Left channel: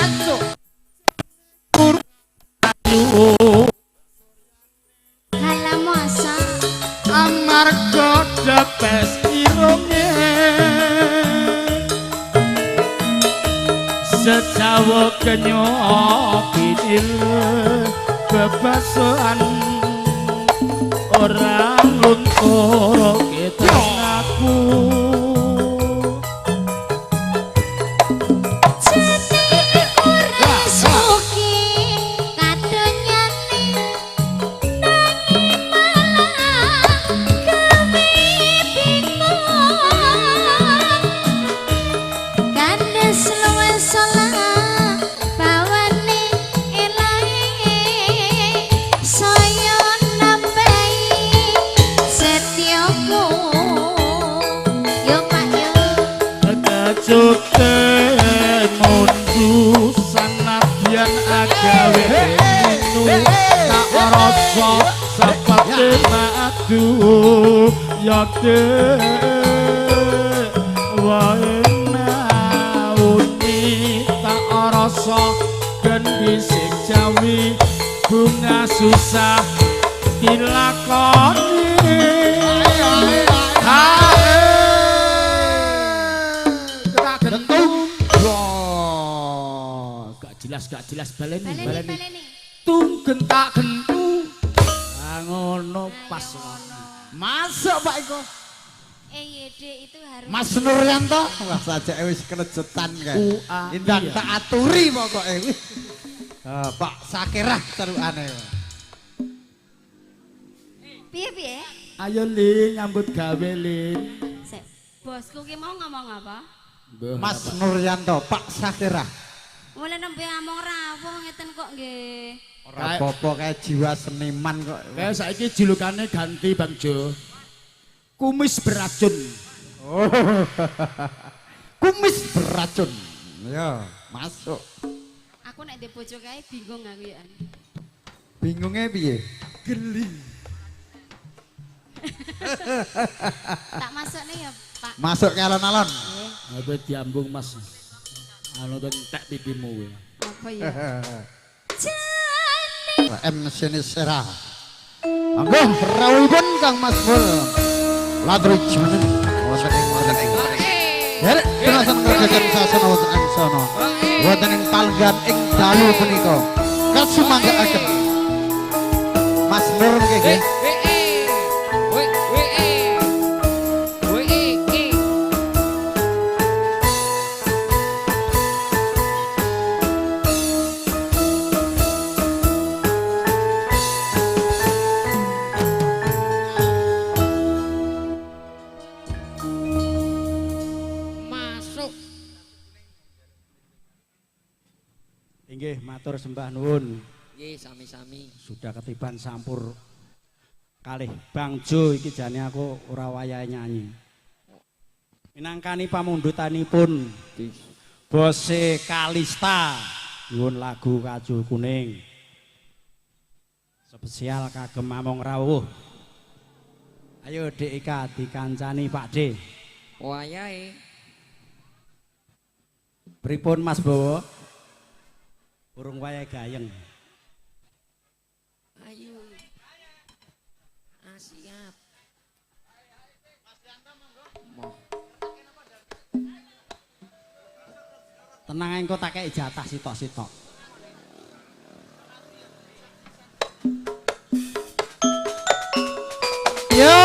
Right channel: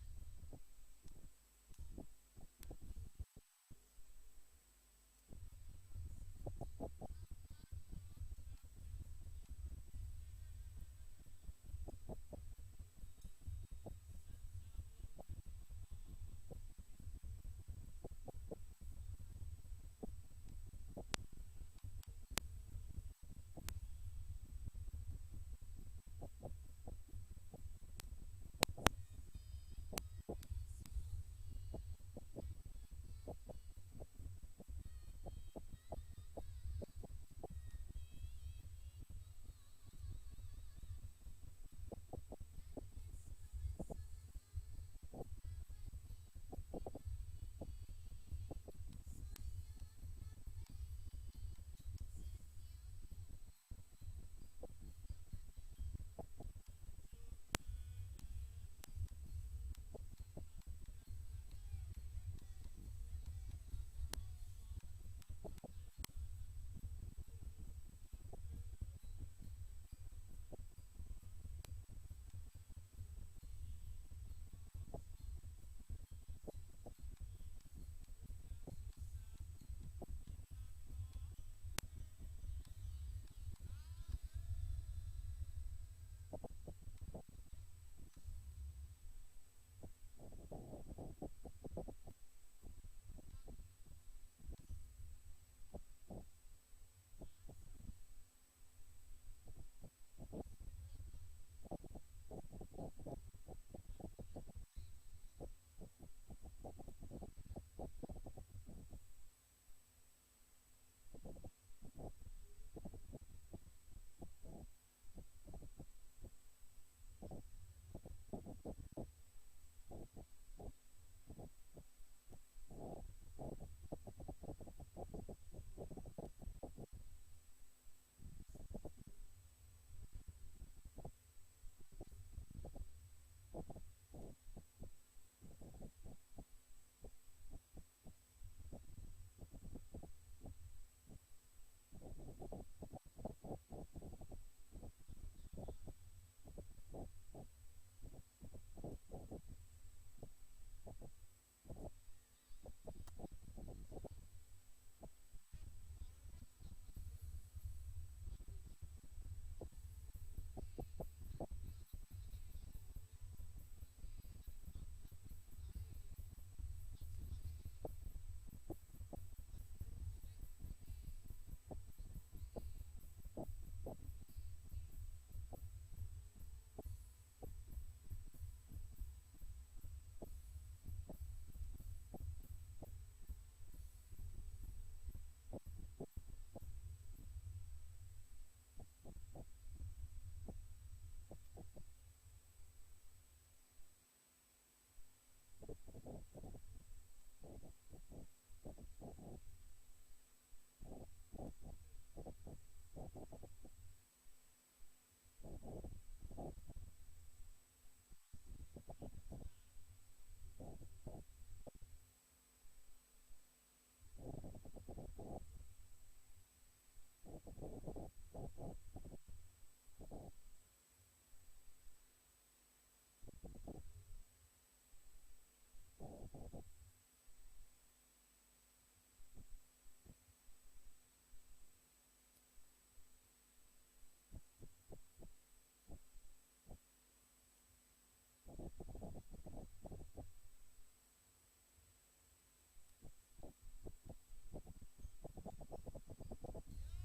masuk halah masa amarga depes irunge sejawa kenyopidil bebasan orang luntur kita aku yake waena uni tak rasa gendi sing jawi bunga susah dilakoni kita gentung gak jelas baleni tunggen tak gentu ngono pas masuk Pak Iko. Itu harus Mas Nuryanto, wah saja wis kelejetan kae. Indang tak aturi pokoke. Pak Sakirah terukane. Piye? Ayo Lin nyambut gawe Lin. Bosku ki mau ngomong apa? Mas Nuryanto, Pak Sakirah. Mulai nembe ngomong rawuh ngeten kok nggih. Ora apa-apa kae jiwa seniman kok. Kayak saiki julukannya ganti Bang Jo. Kumis beracun. Oh. Kumis beracun. Ya, masuk. Aku nek ndek bojo kae bingung ngawian. Bingungnya piye? Geli. Tak masuk nih ya, Pak. Masuk ke alon-alon. Apa diambung Mas. Anu entek pipimu kowe. Apa ya? M Sinisera. Anggo rawuhipun Kang Mas Bol. Ladri janen wonten ing. Derek tenasan kerjaken sasana wonten ing sono. Wonten ing palenggan ing dalu punika. Kasumanggaaken. Mas Nur nggih. Inggih matur sembah nuwun. Nggih sami-sami. Sudah ketiban sampur kalih Bang Jo iki jane aku ora wayahe nyanyi. Minangkani pamundutanipun Bose Kalista nyuwun lagu Kajul Kuning. Spesial kagem Among Rawuh. Ayo Dek Ika dikancani Pak D. Wayahe. Pripun Mas Bowo? Urung wayahe gayeng. Ayo. Siap. Tenang engko tak kei jatah sitok-sitok. Yo.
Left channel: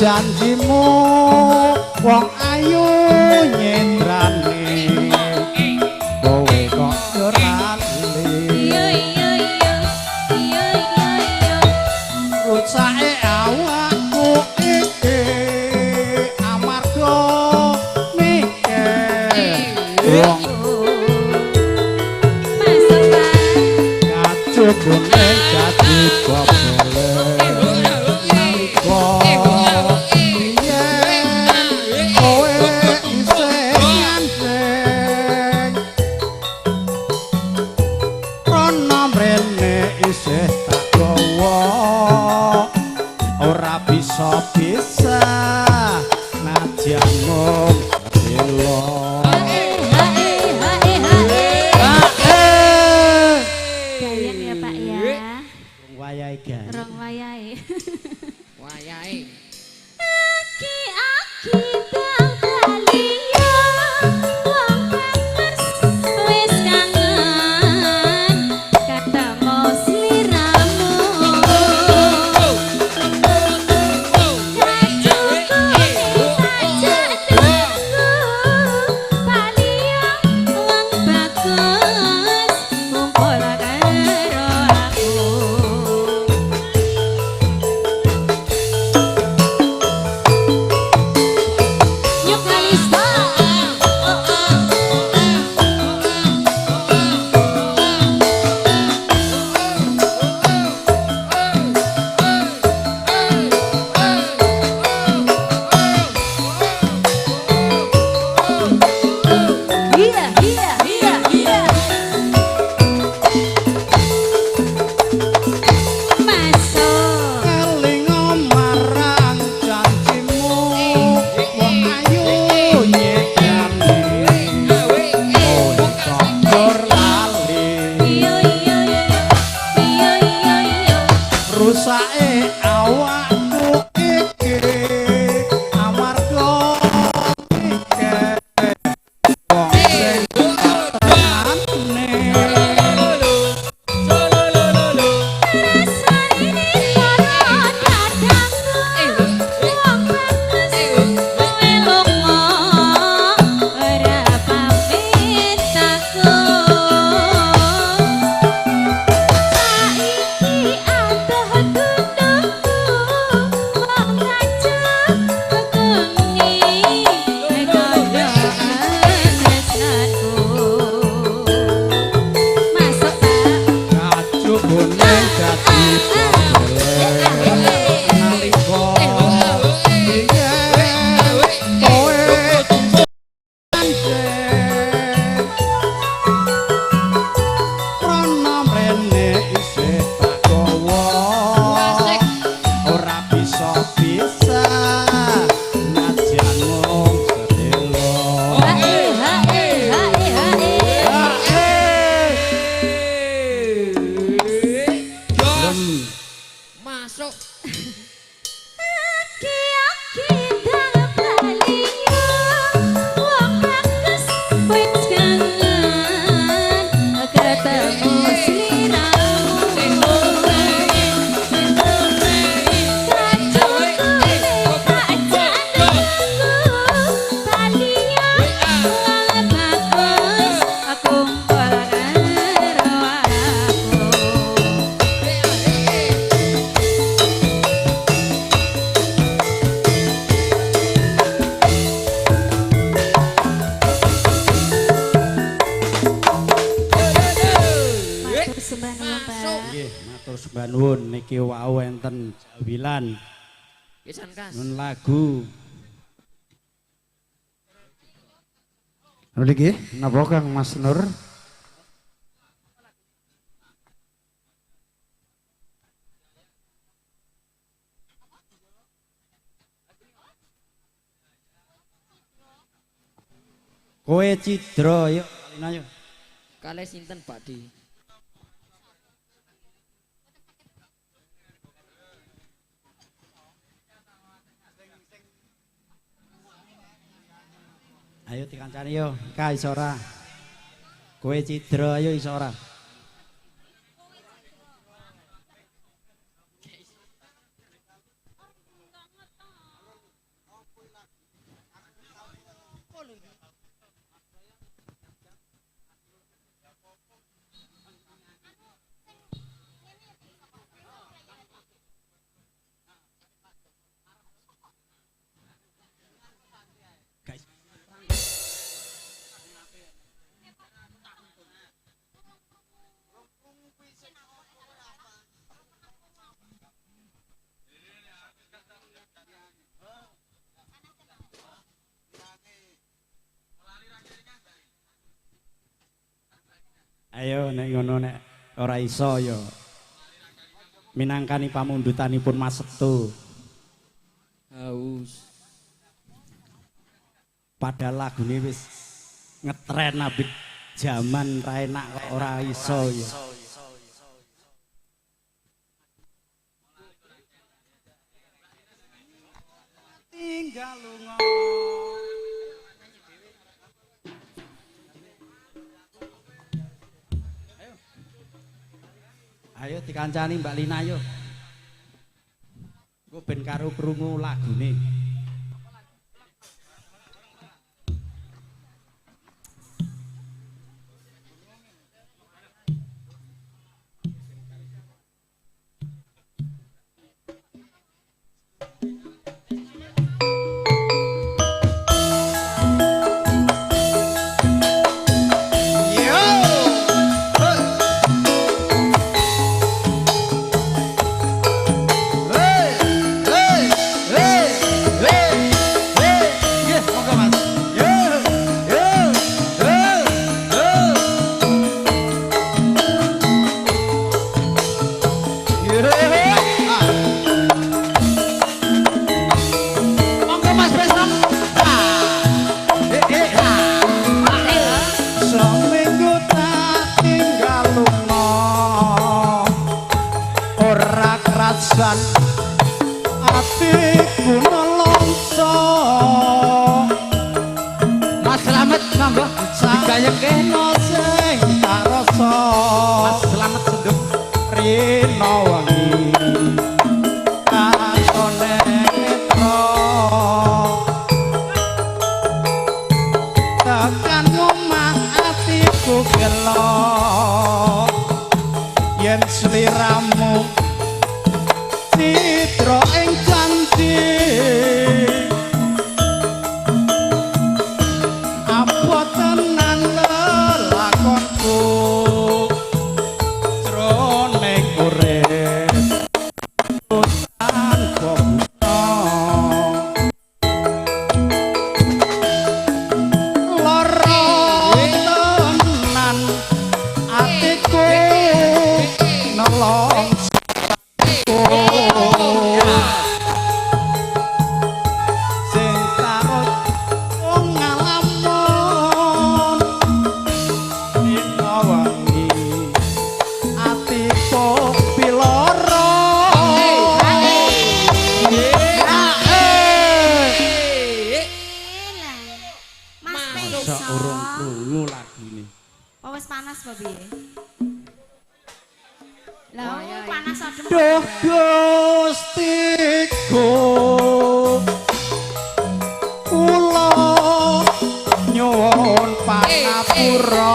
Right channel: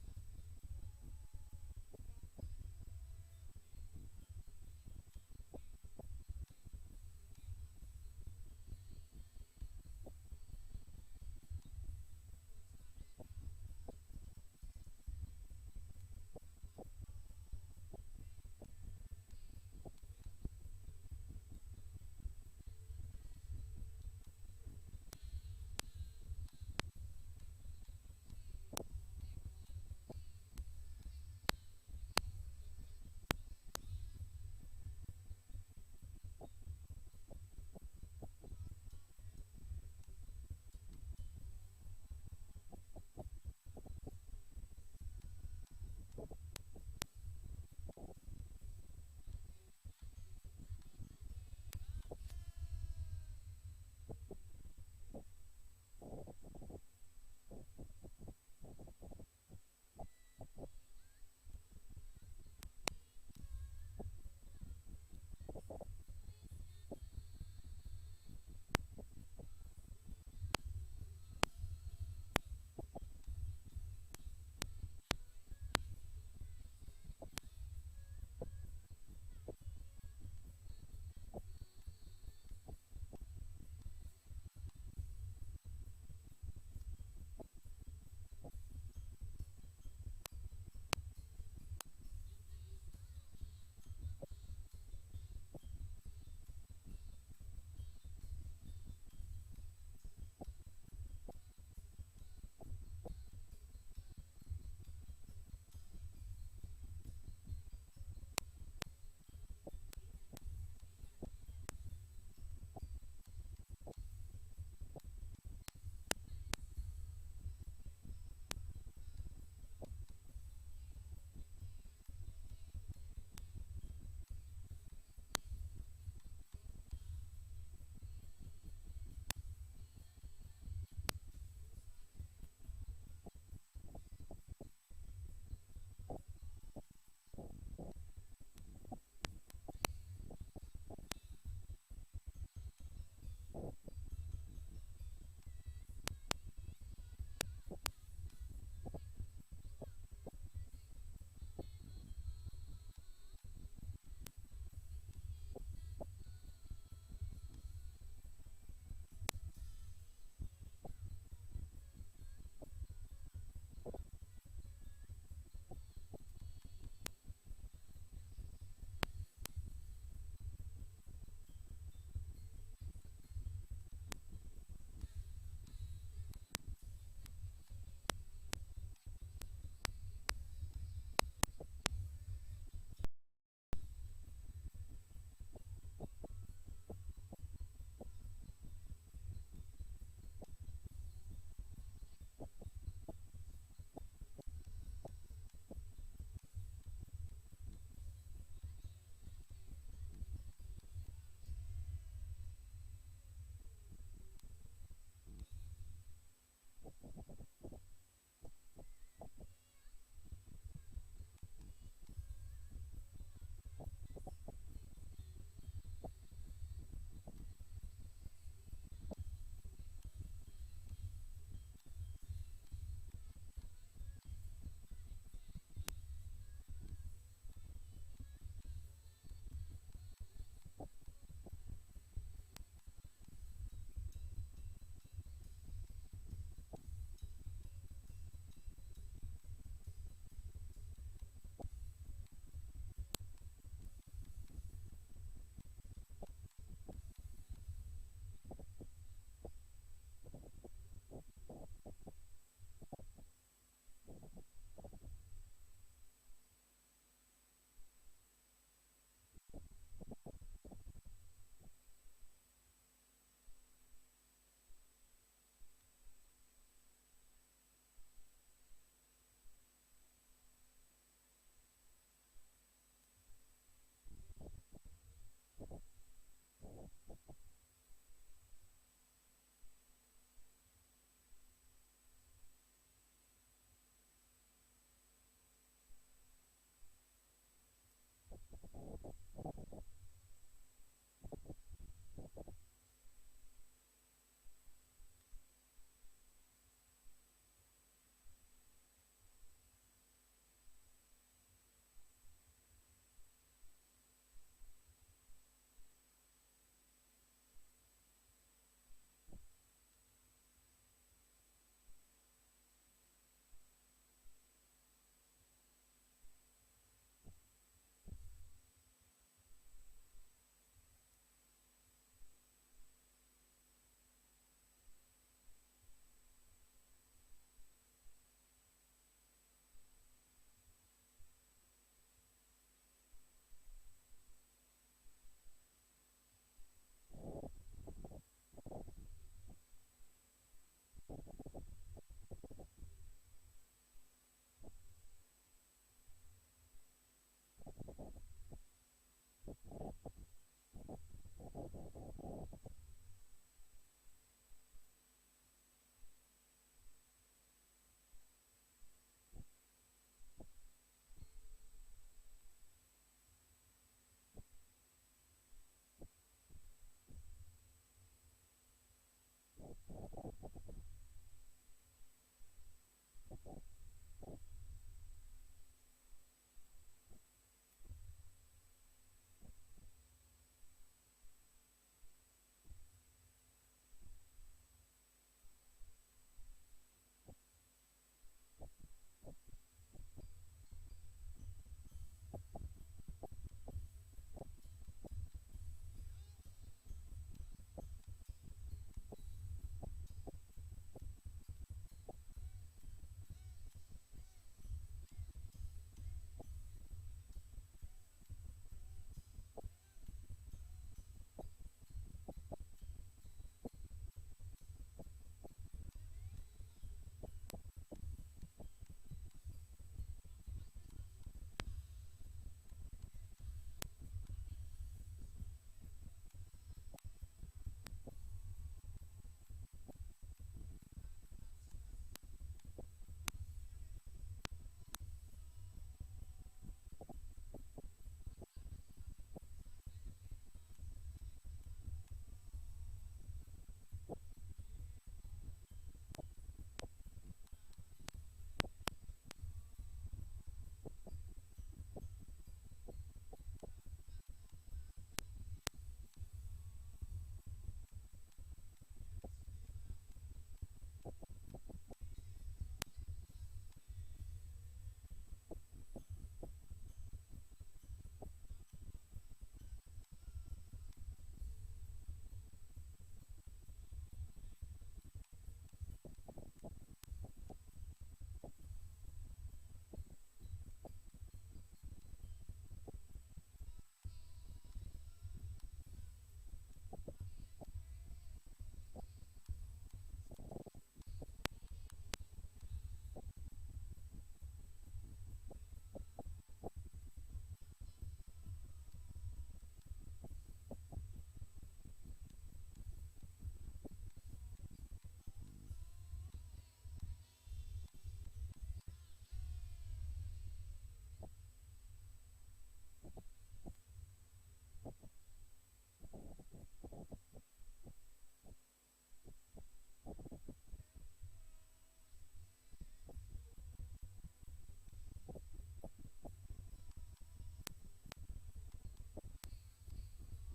Janjimu wong ayu nyendrane kowe kok ora lali rucake awakku iki amarga wong kacubun ing dadi bobele nalika biyen kowe isih nyandeng rono mrene isih tak gawa ora bisa najan mung bela Gayen ya Pak ya. wayahe gan Rong wayahe. Wayahe. Aki-aki bang kaliya wong panas wis kangen ketemu sliramu. sembah nuwun niki wau enten jawilan. Pisan Kas. Nun lagu. Niki napa Kang Mas Nur? Kowe Cidra yuk kalina yuk. Kalih sinten Pak Di? Ayo dikancani yo, Ka iso ora? Kowe Cidra ayo iso ora? ngono nek ora iso ya minangkani pamundutanipun Mas Setu. Haus. Padahal lagune wis ngetren abit jaman ra enak kok ora iso ya. Tinggal lunga. Ayo dikancani Mbak Lina yo. Engko ben karo krungu lagune. Seminggu tak tinggal lunga ora kerasan atiku nelongso. Mas Slamet monggo digayeke sing tak rasa. Mas Slamet senduk rino wangi katone netra tekan omah atiku gelo yen sliramu citra ing janji apa tenan lelakonku jroning urip tanpa buta lara tenan atiku nolong sing tarut wong ngalamun dina wangi atiku piloro Mas masa urung krungu lagune. Oh wis panas apa piye? Lah panas adem. Duh Gustiku kula nyuwun panapura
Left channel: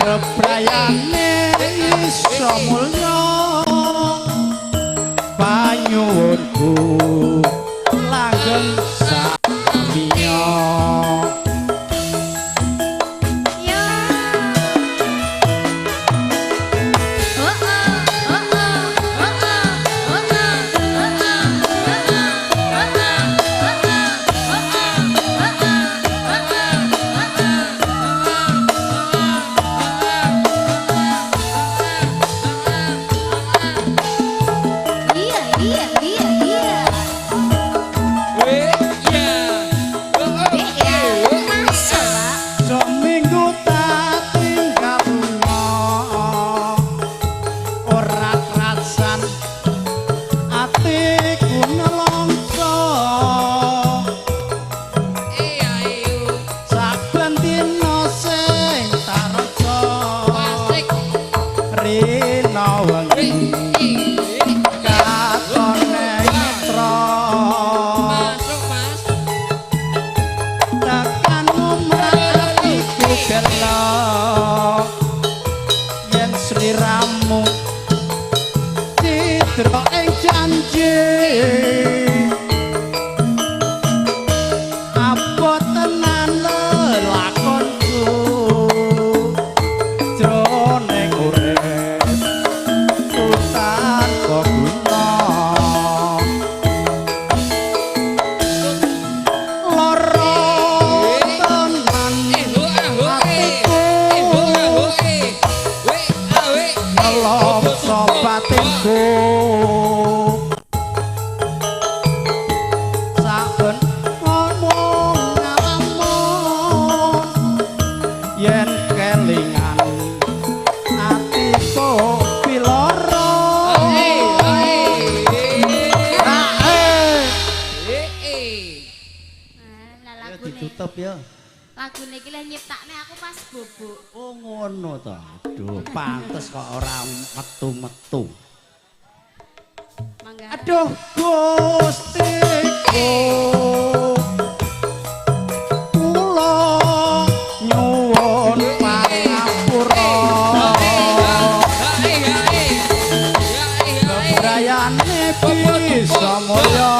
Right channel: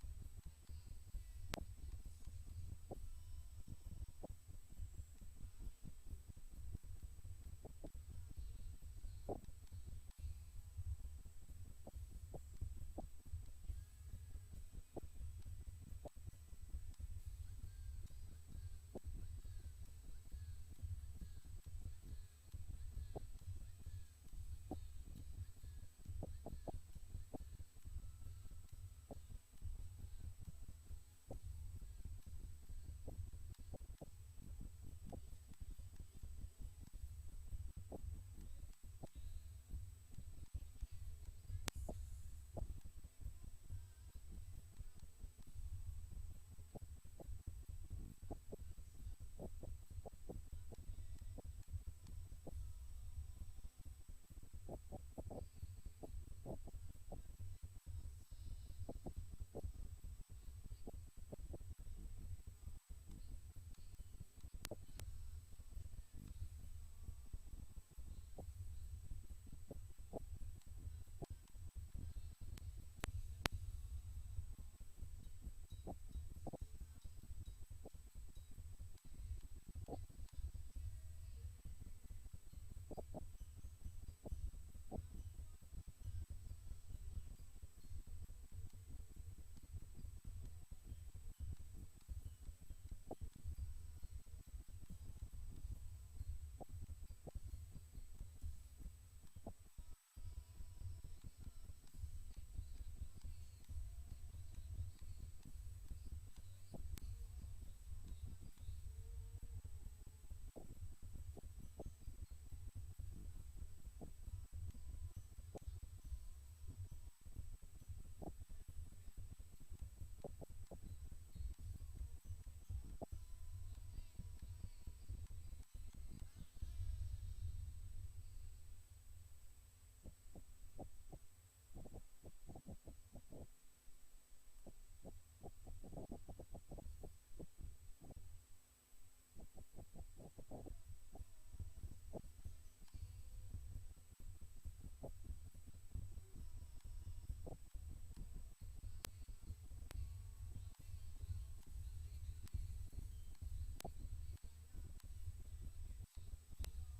bebrayane iso mulya panyuwunku langgeng samiya. Yo. Oh oh oh oh oh. ditutup ya. Lagune iki lek nyiptakne aku pas bubuk. Oh ngono to. Aduh, pantes kok ora metu-metu. Mangga. Aduh, Gustiku. Kula nyuwun pangapura. Bebrayane bisa mulya.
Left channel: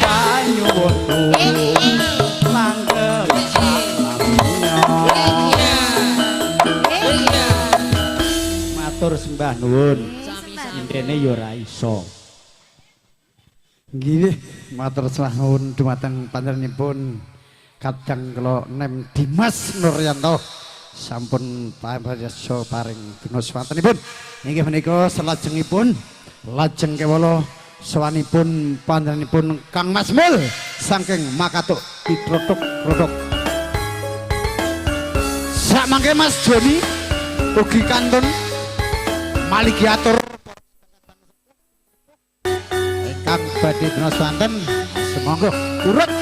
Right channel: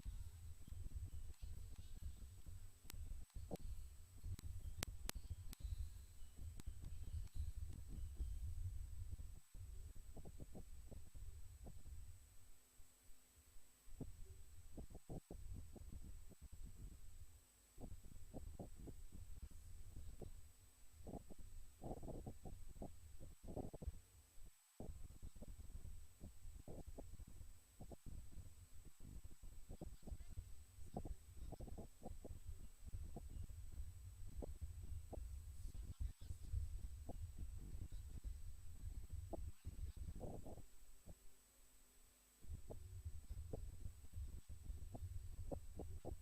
Panyuwun langgeng salamnya. Matur sembah nuwun. Intene ya ora iso. Nggih, matur nuwun dumateng panjenenganipun Kadang kula Nem Dimas Nuryanto sampun pamirsa paring dina swantenipun. Inggih menika salajengipun lajeng kewala sawanipun panjenenganipun Kang Mas Mul saking Makatuk Pitrotok-Rodok. Sak mangke Mas Joni ugi kantun maligi atur Kang badhe dina swanten semonggo urut.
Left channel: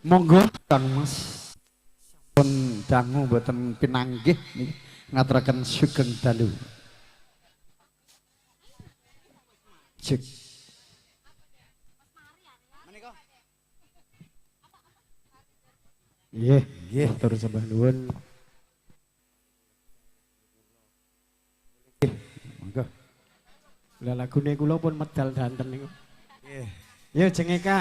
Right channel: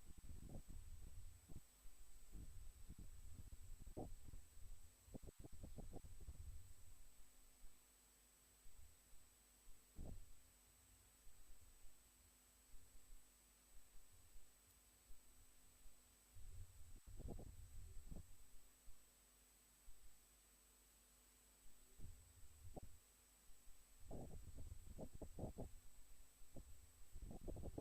Monggo Kang Mas pun dangu mboten pinanggih niki ngaturaken sugeng dalu. Cek. Nggih, nggih tur sembah nuwun. Monggo. Lah lagune kula pun medal danten niku. Nggih. Yo jengeka.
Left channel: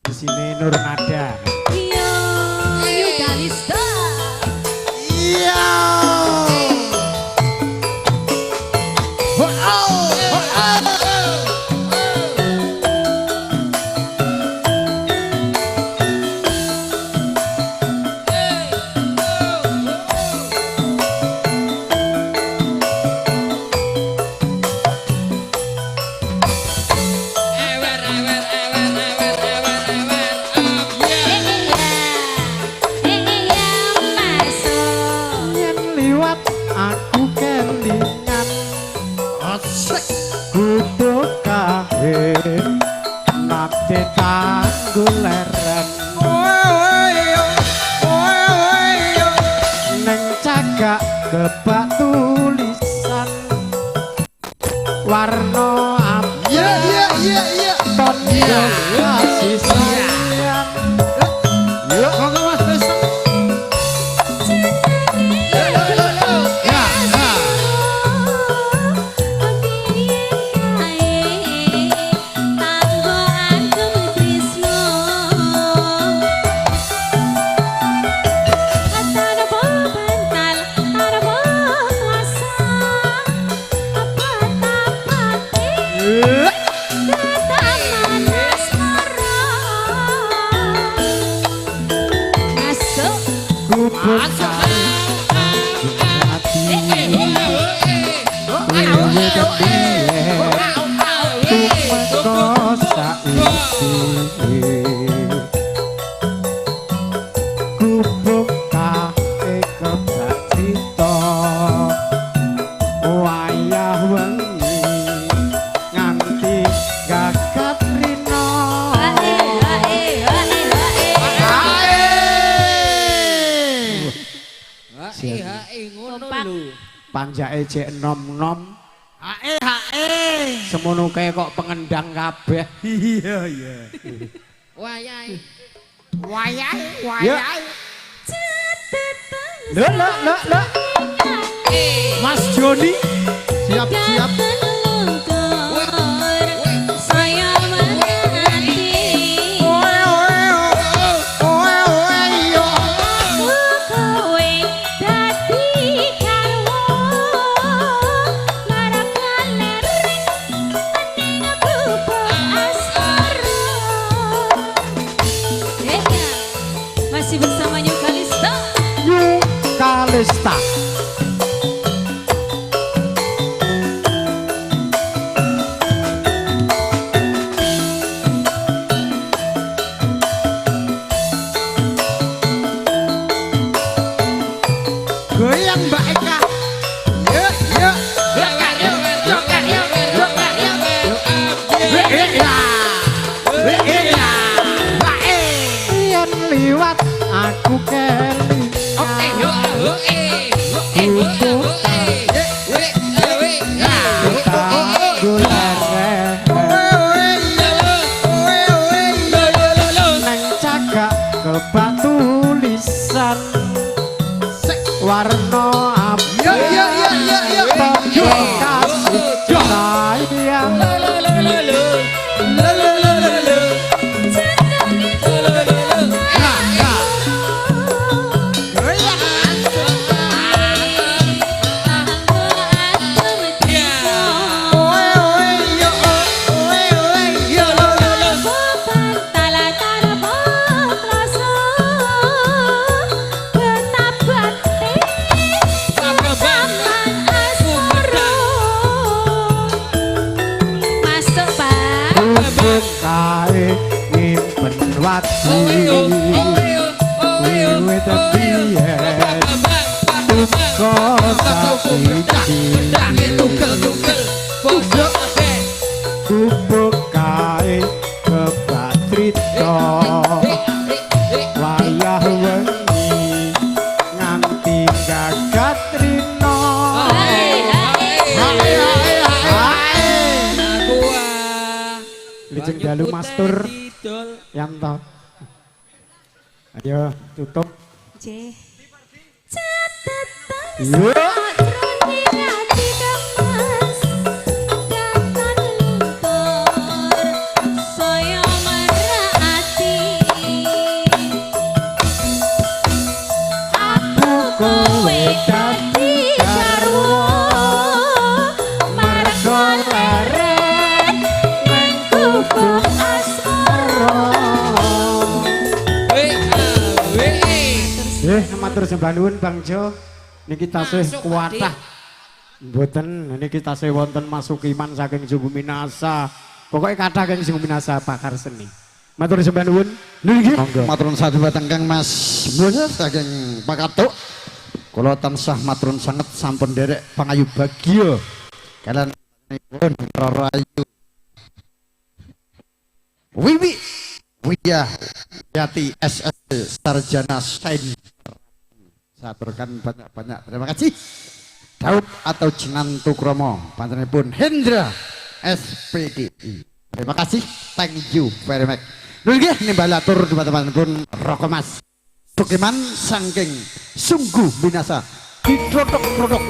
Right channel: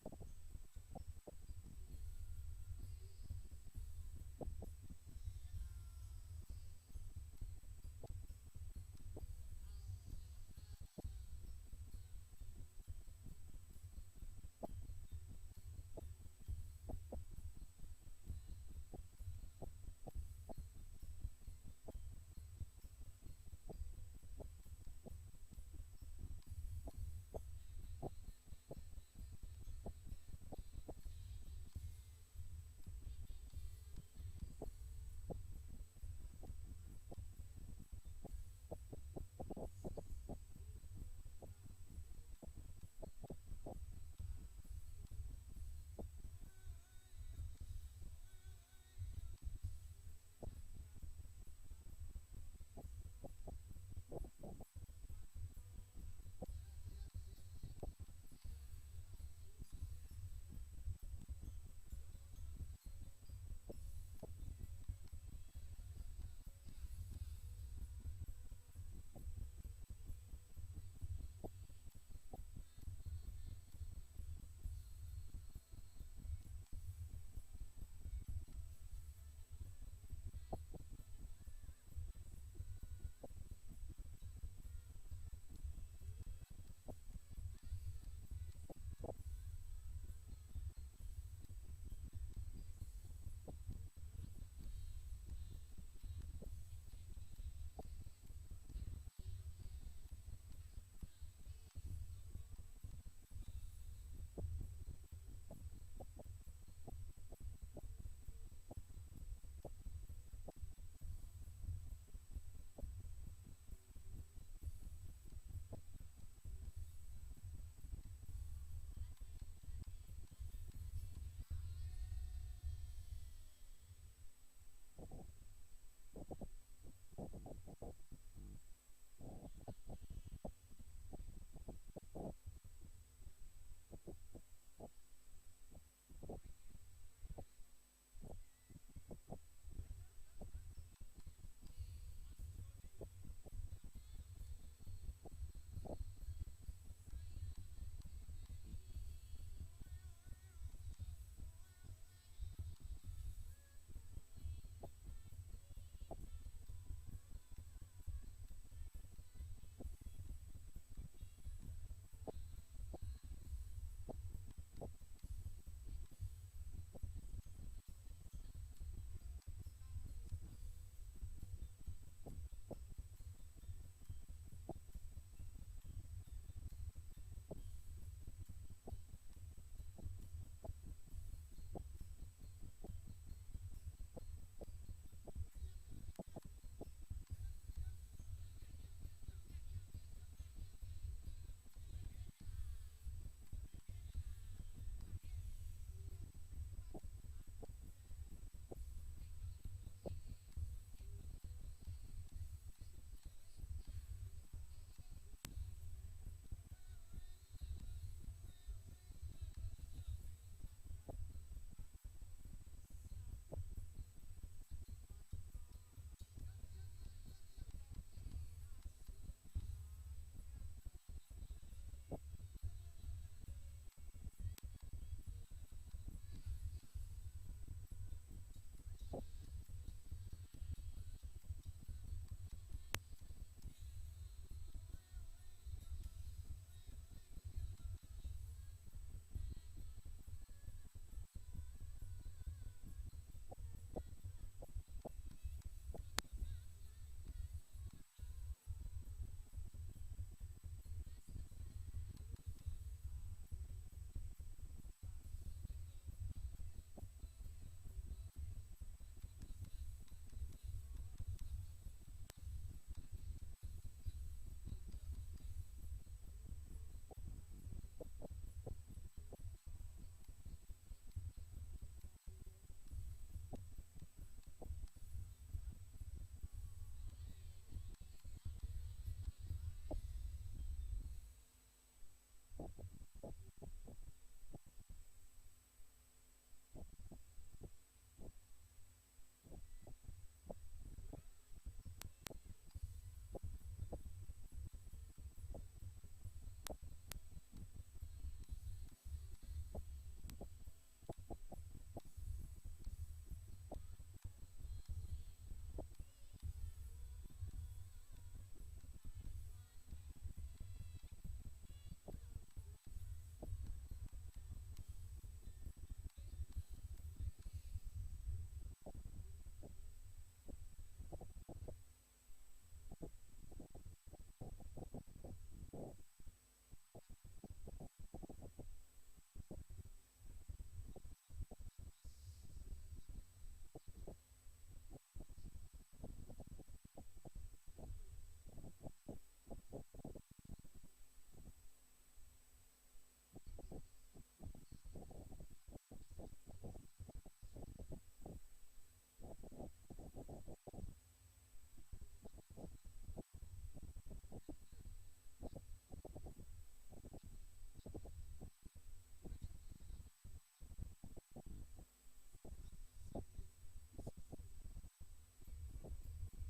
Di sini Nur Nada. Iya, ayo Galista. Iya. Yen liwat aku kelingan kudu kae nakte tanggul leren neng cagak kebak tulisan warna abang Iya. tondo kasih sayang. Yuk, monggo Mas Tristan. Gubuk kali hati Dewe kebiye Tumeko saiki Gubuk kali kebak cita Wayah wengi Nganti gagat rino ngono Kompak. lho. Panjake cek nom-nom Hae. semono kae kok pengendang kabeh. Iya. Wayahe. Ya. Lho. Mas Joni Siap. Saya menanti. Yen liwat aku keli neng cagak kebak tulisan warna abang kasih sayang kae nyimpen wati wiwit biyen tuko saiki kubuk kae kebatrita wayah wengi nganti gagat rino Lijeng dalu mastur Yanto. Ayo tutup. J. Yo. Kowe dadi garwa marga leren nang kubuk asmara. Matur sembah nuwun Bang Jo. Niki tasih kuwatah. Mboten niki tasih wonten masukiman saking Sungguh Minasa. Pokoke kathah kang Sungguh Minasa pakar seni. Matur sembah nuwun. Nggih. Maturun satu batang Kang Mas Mulya saking Pakatuk. Kula tansah maturun sanget sampun derek pangayu bagya kalian pun Rayu Wiwi Widya Yati SS Sarjana Sain. Saturkan banyak-banyak terima kasih. Daud atau Jenantu Kromo panjenenganipun Hendra SPDI. Terima kasih, thank you very much. Nggih nimbalatur teman-teman pun Rokomas Sukiman saking Sungguh Minasa diprodok-produk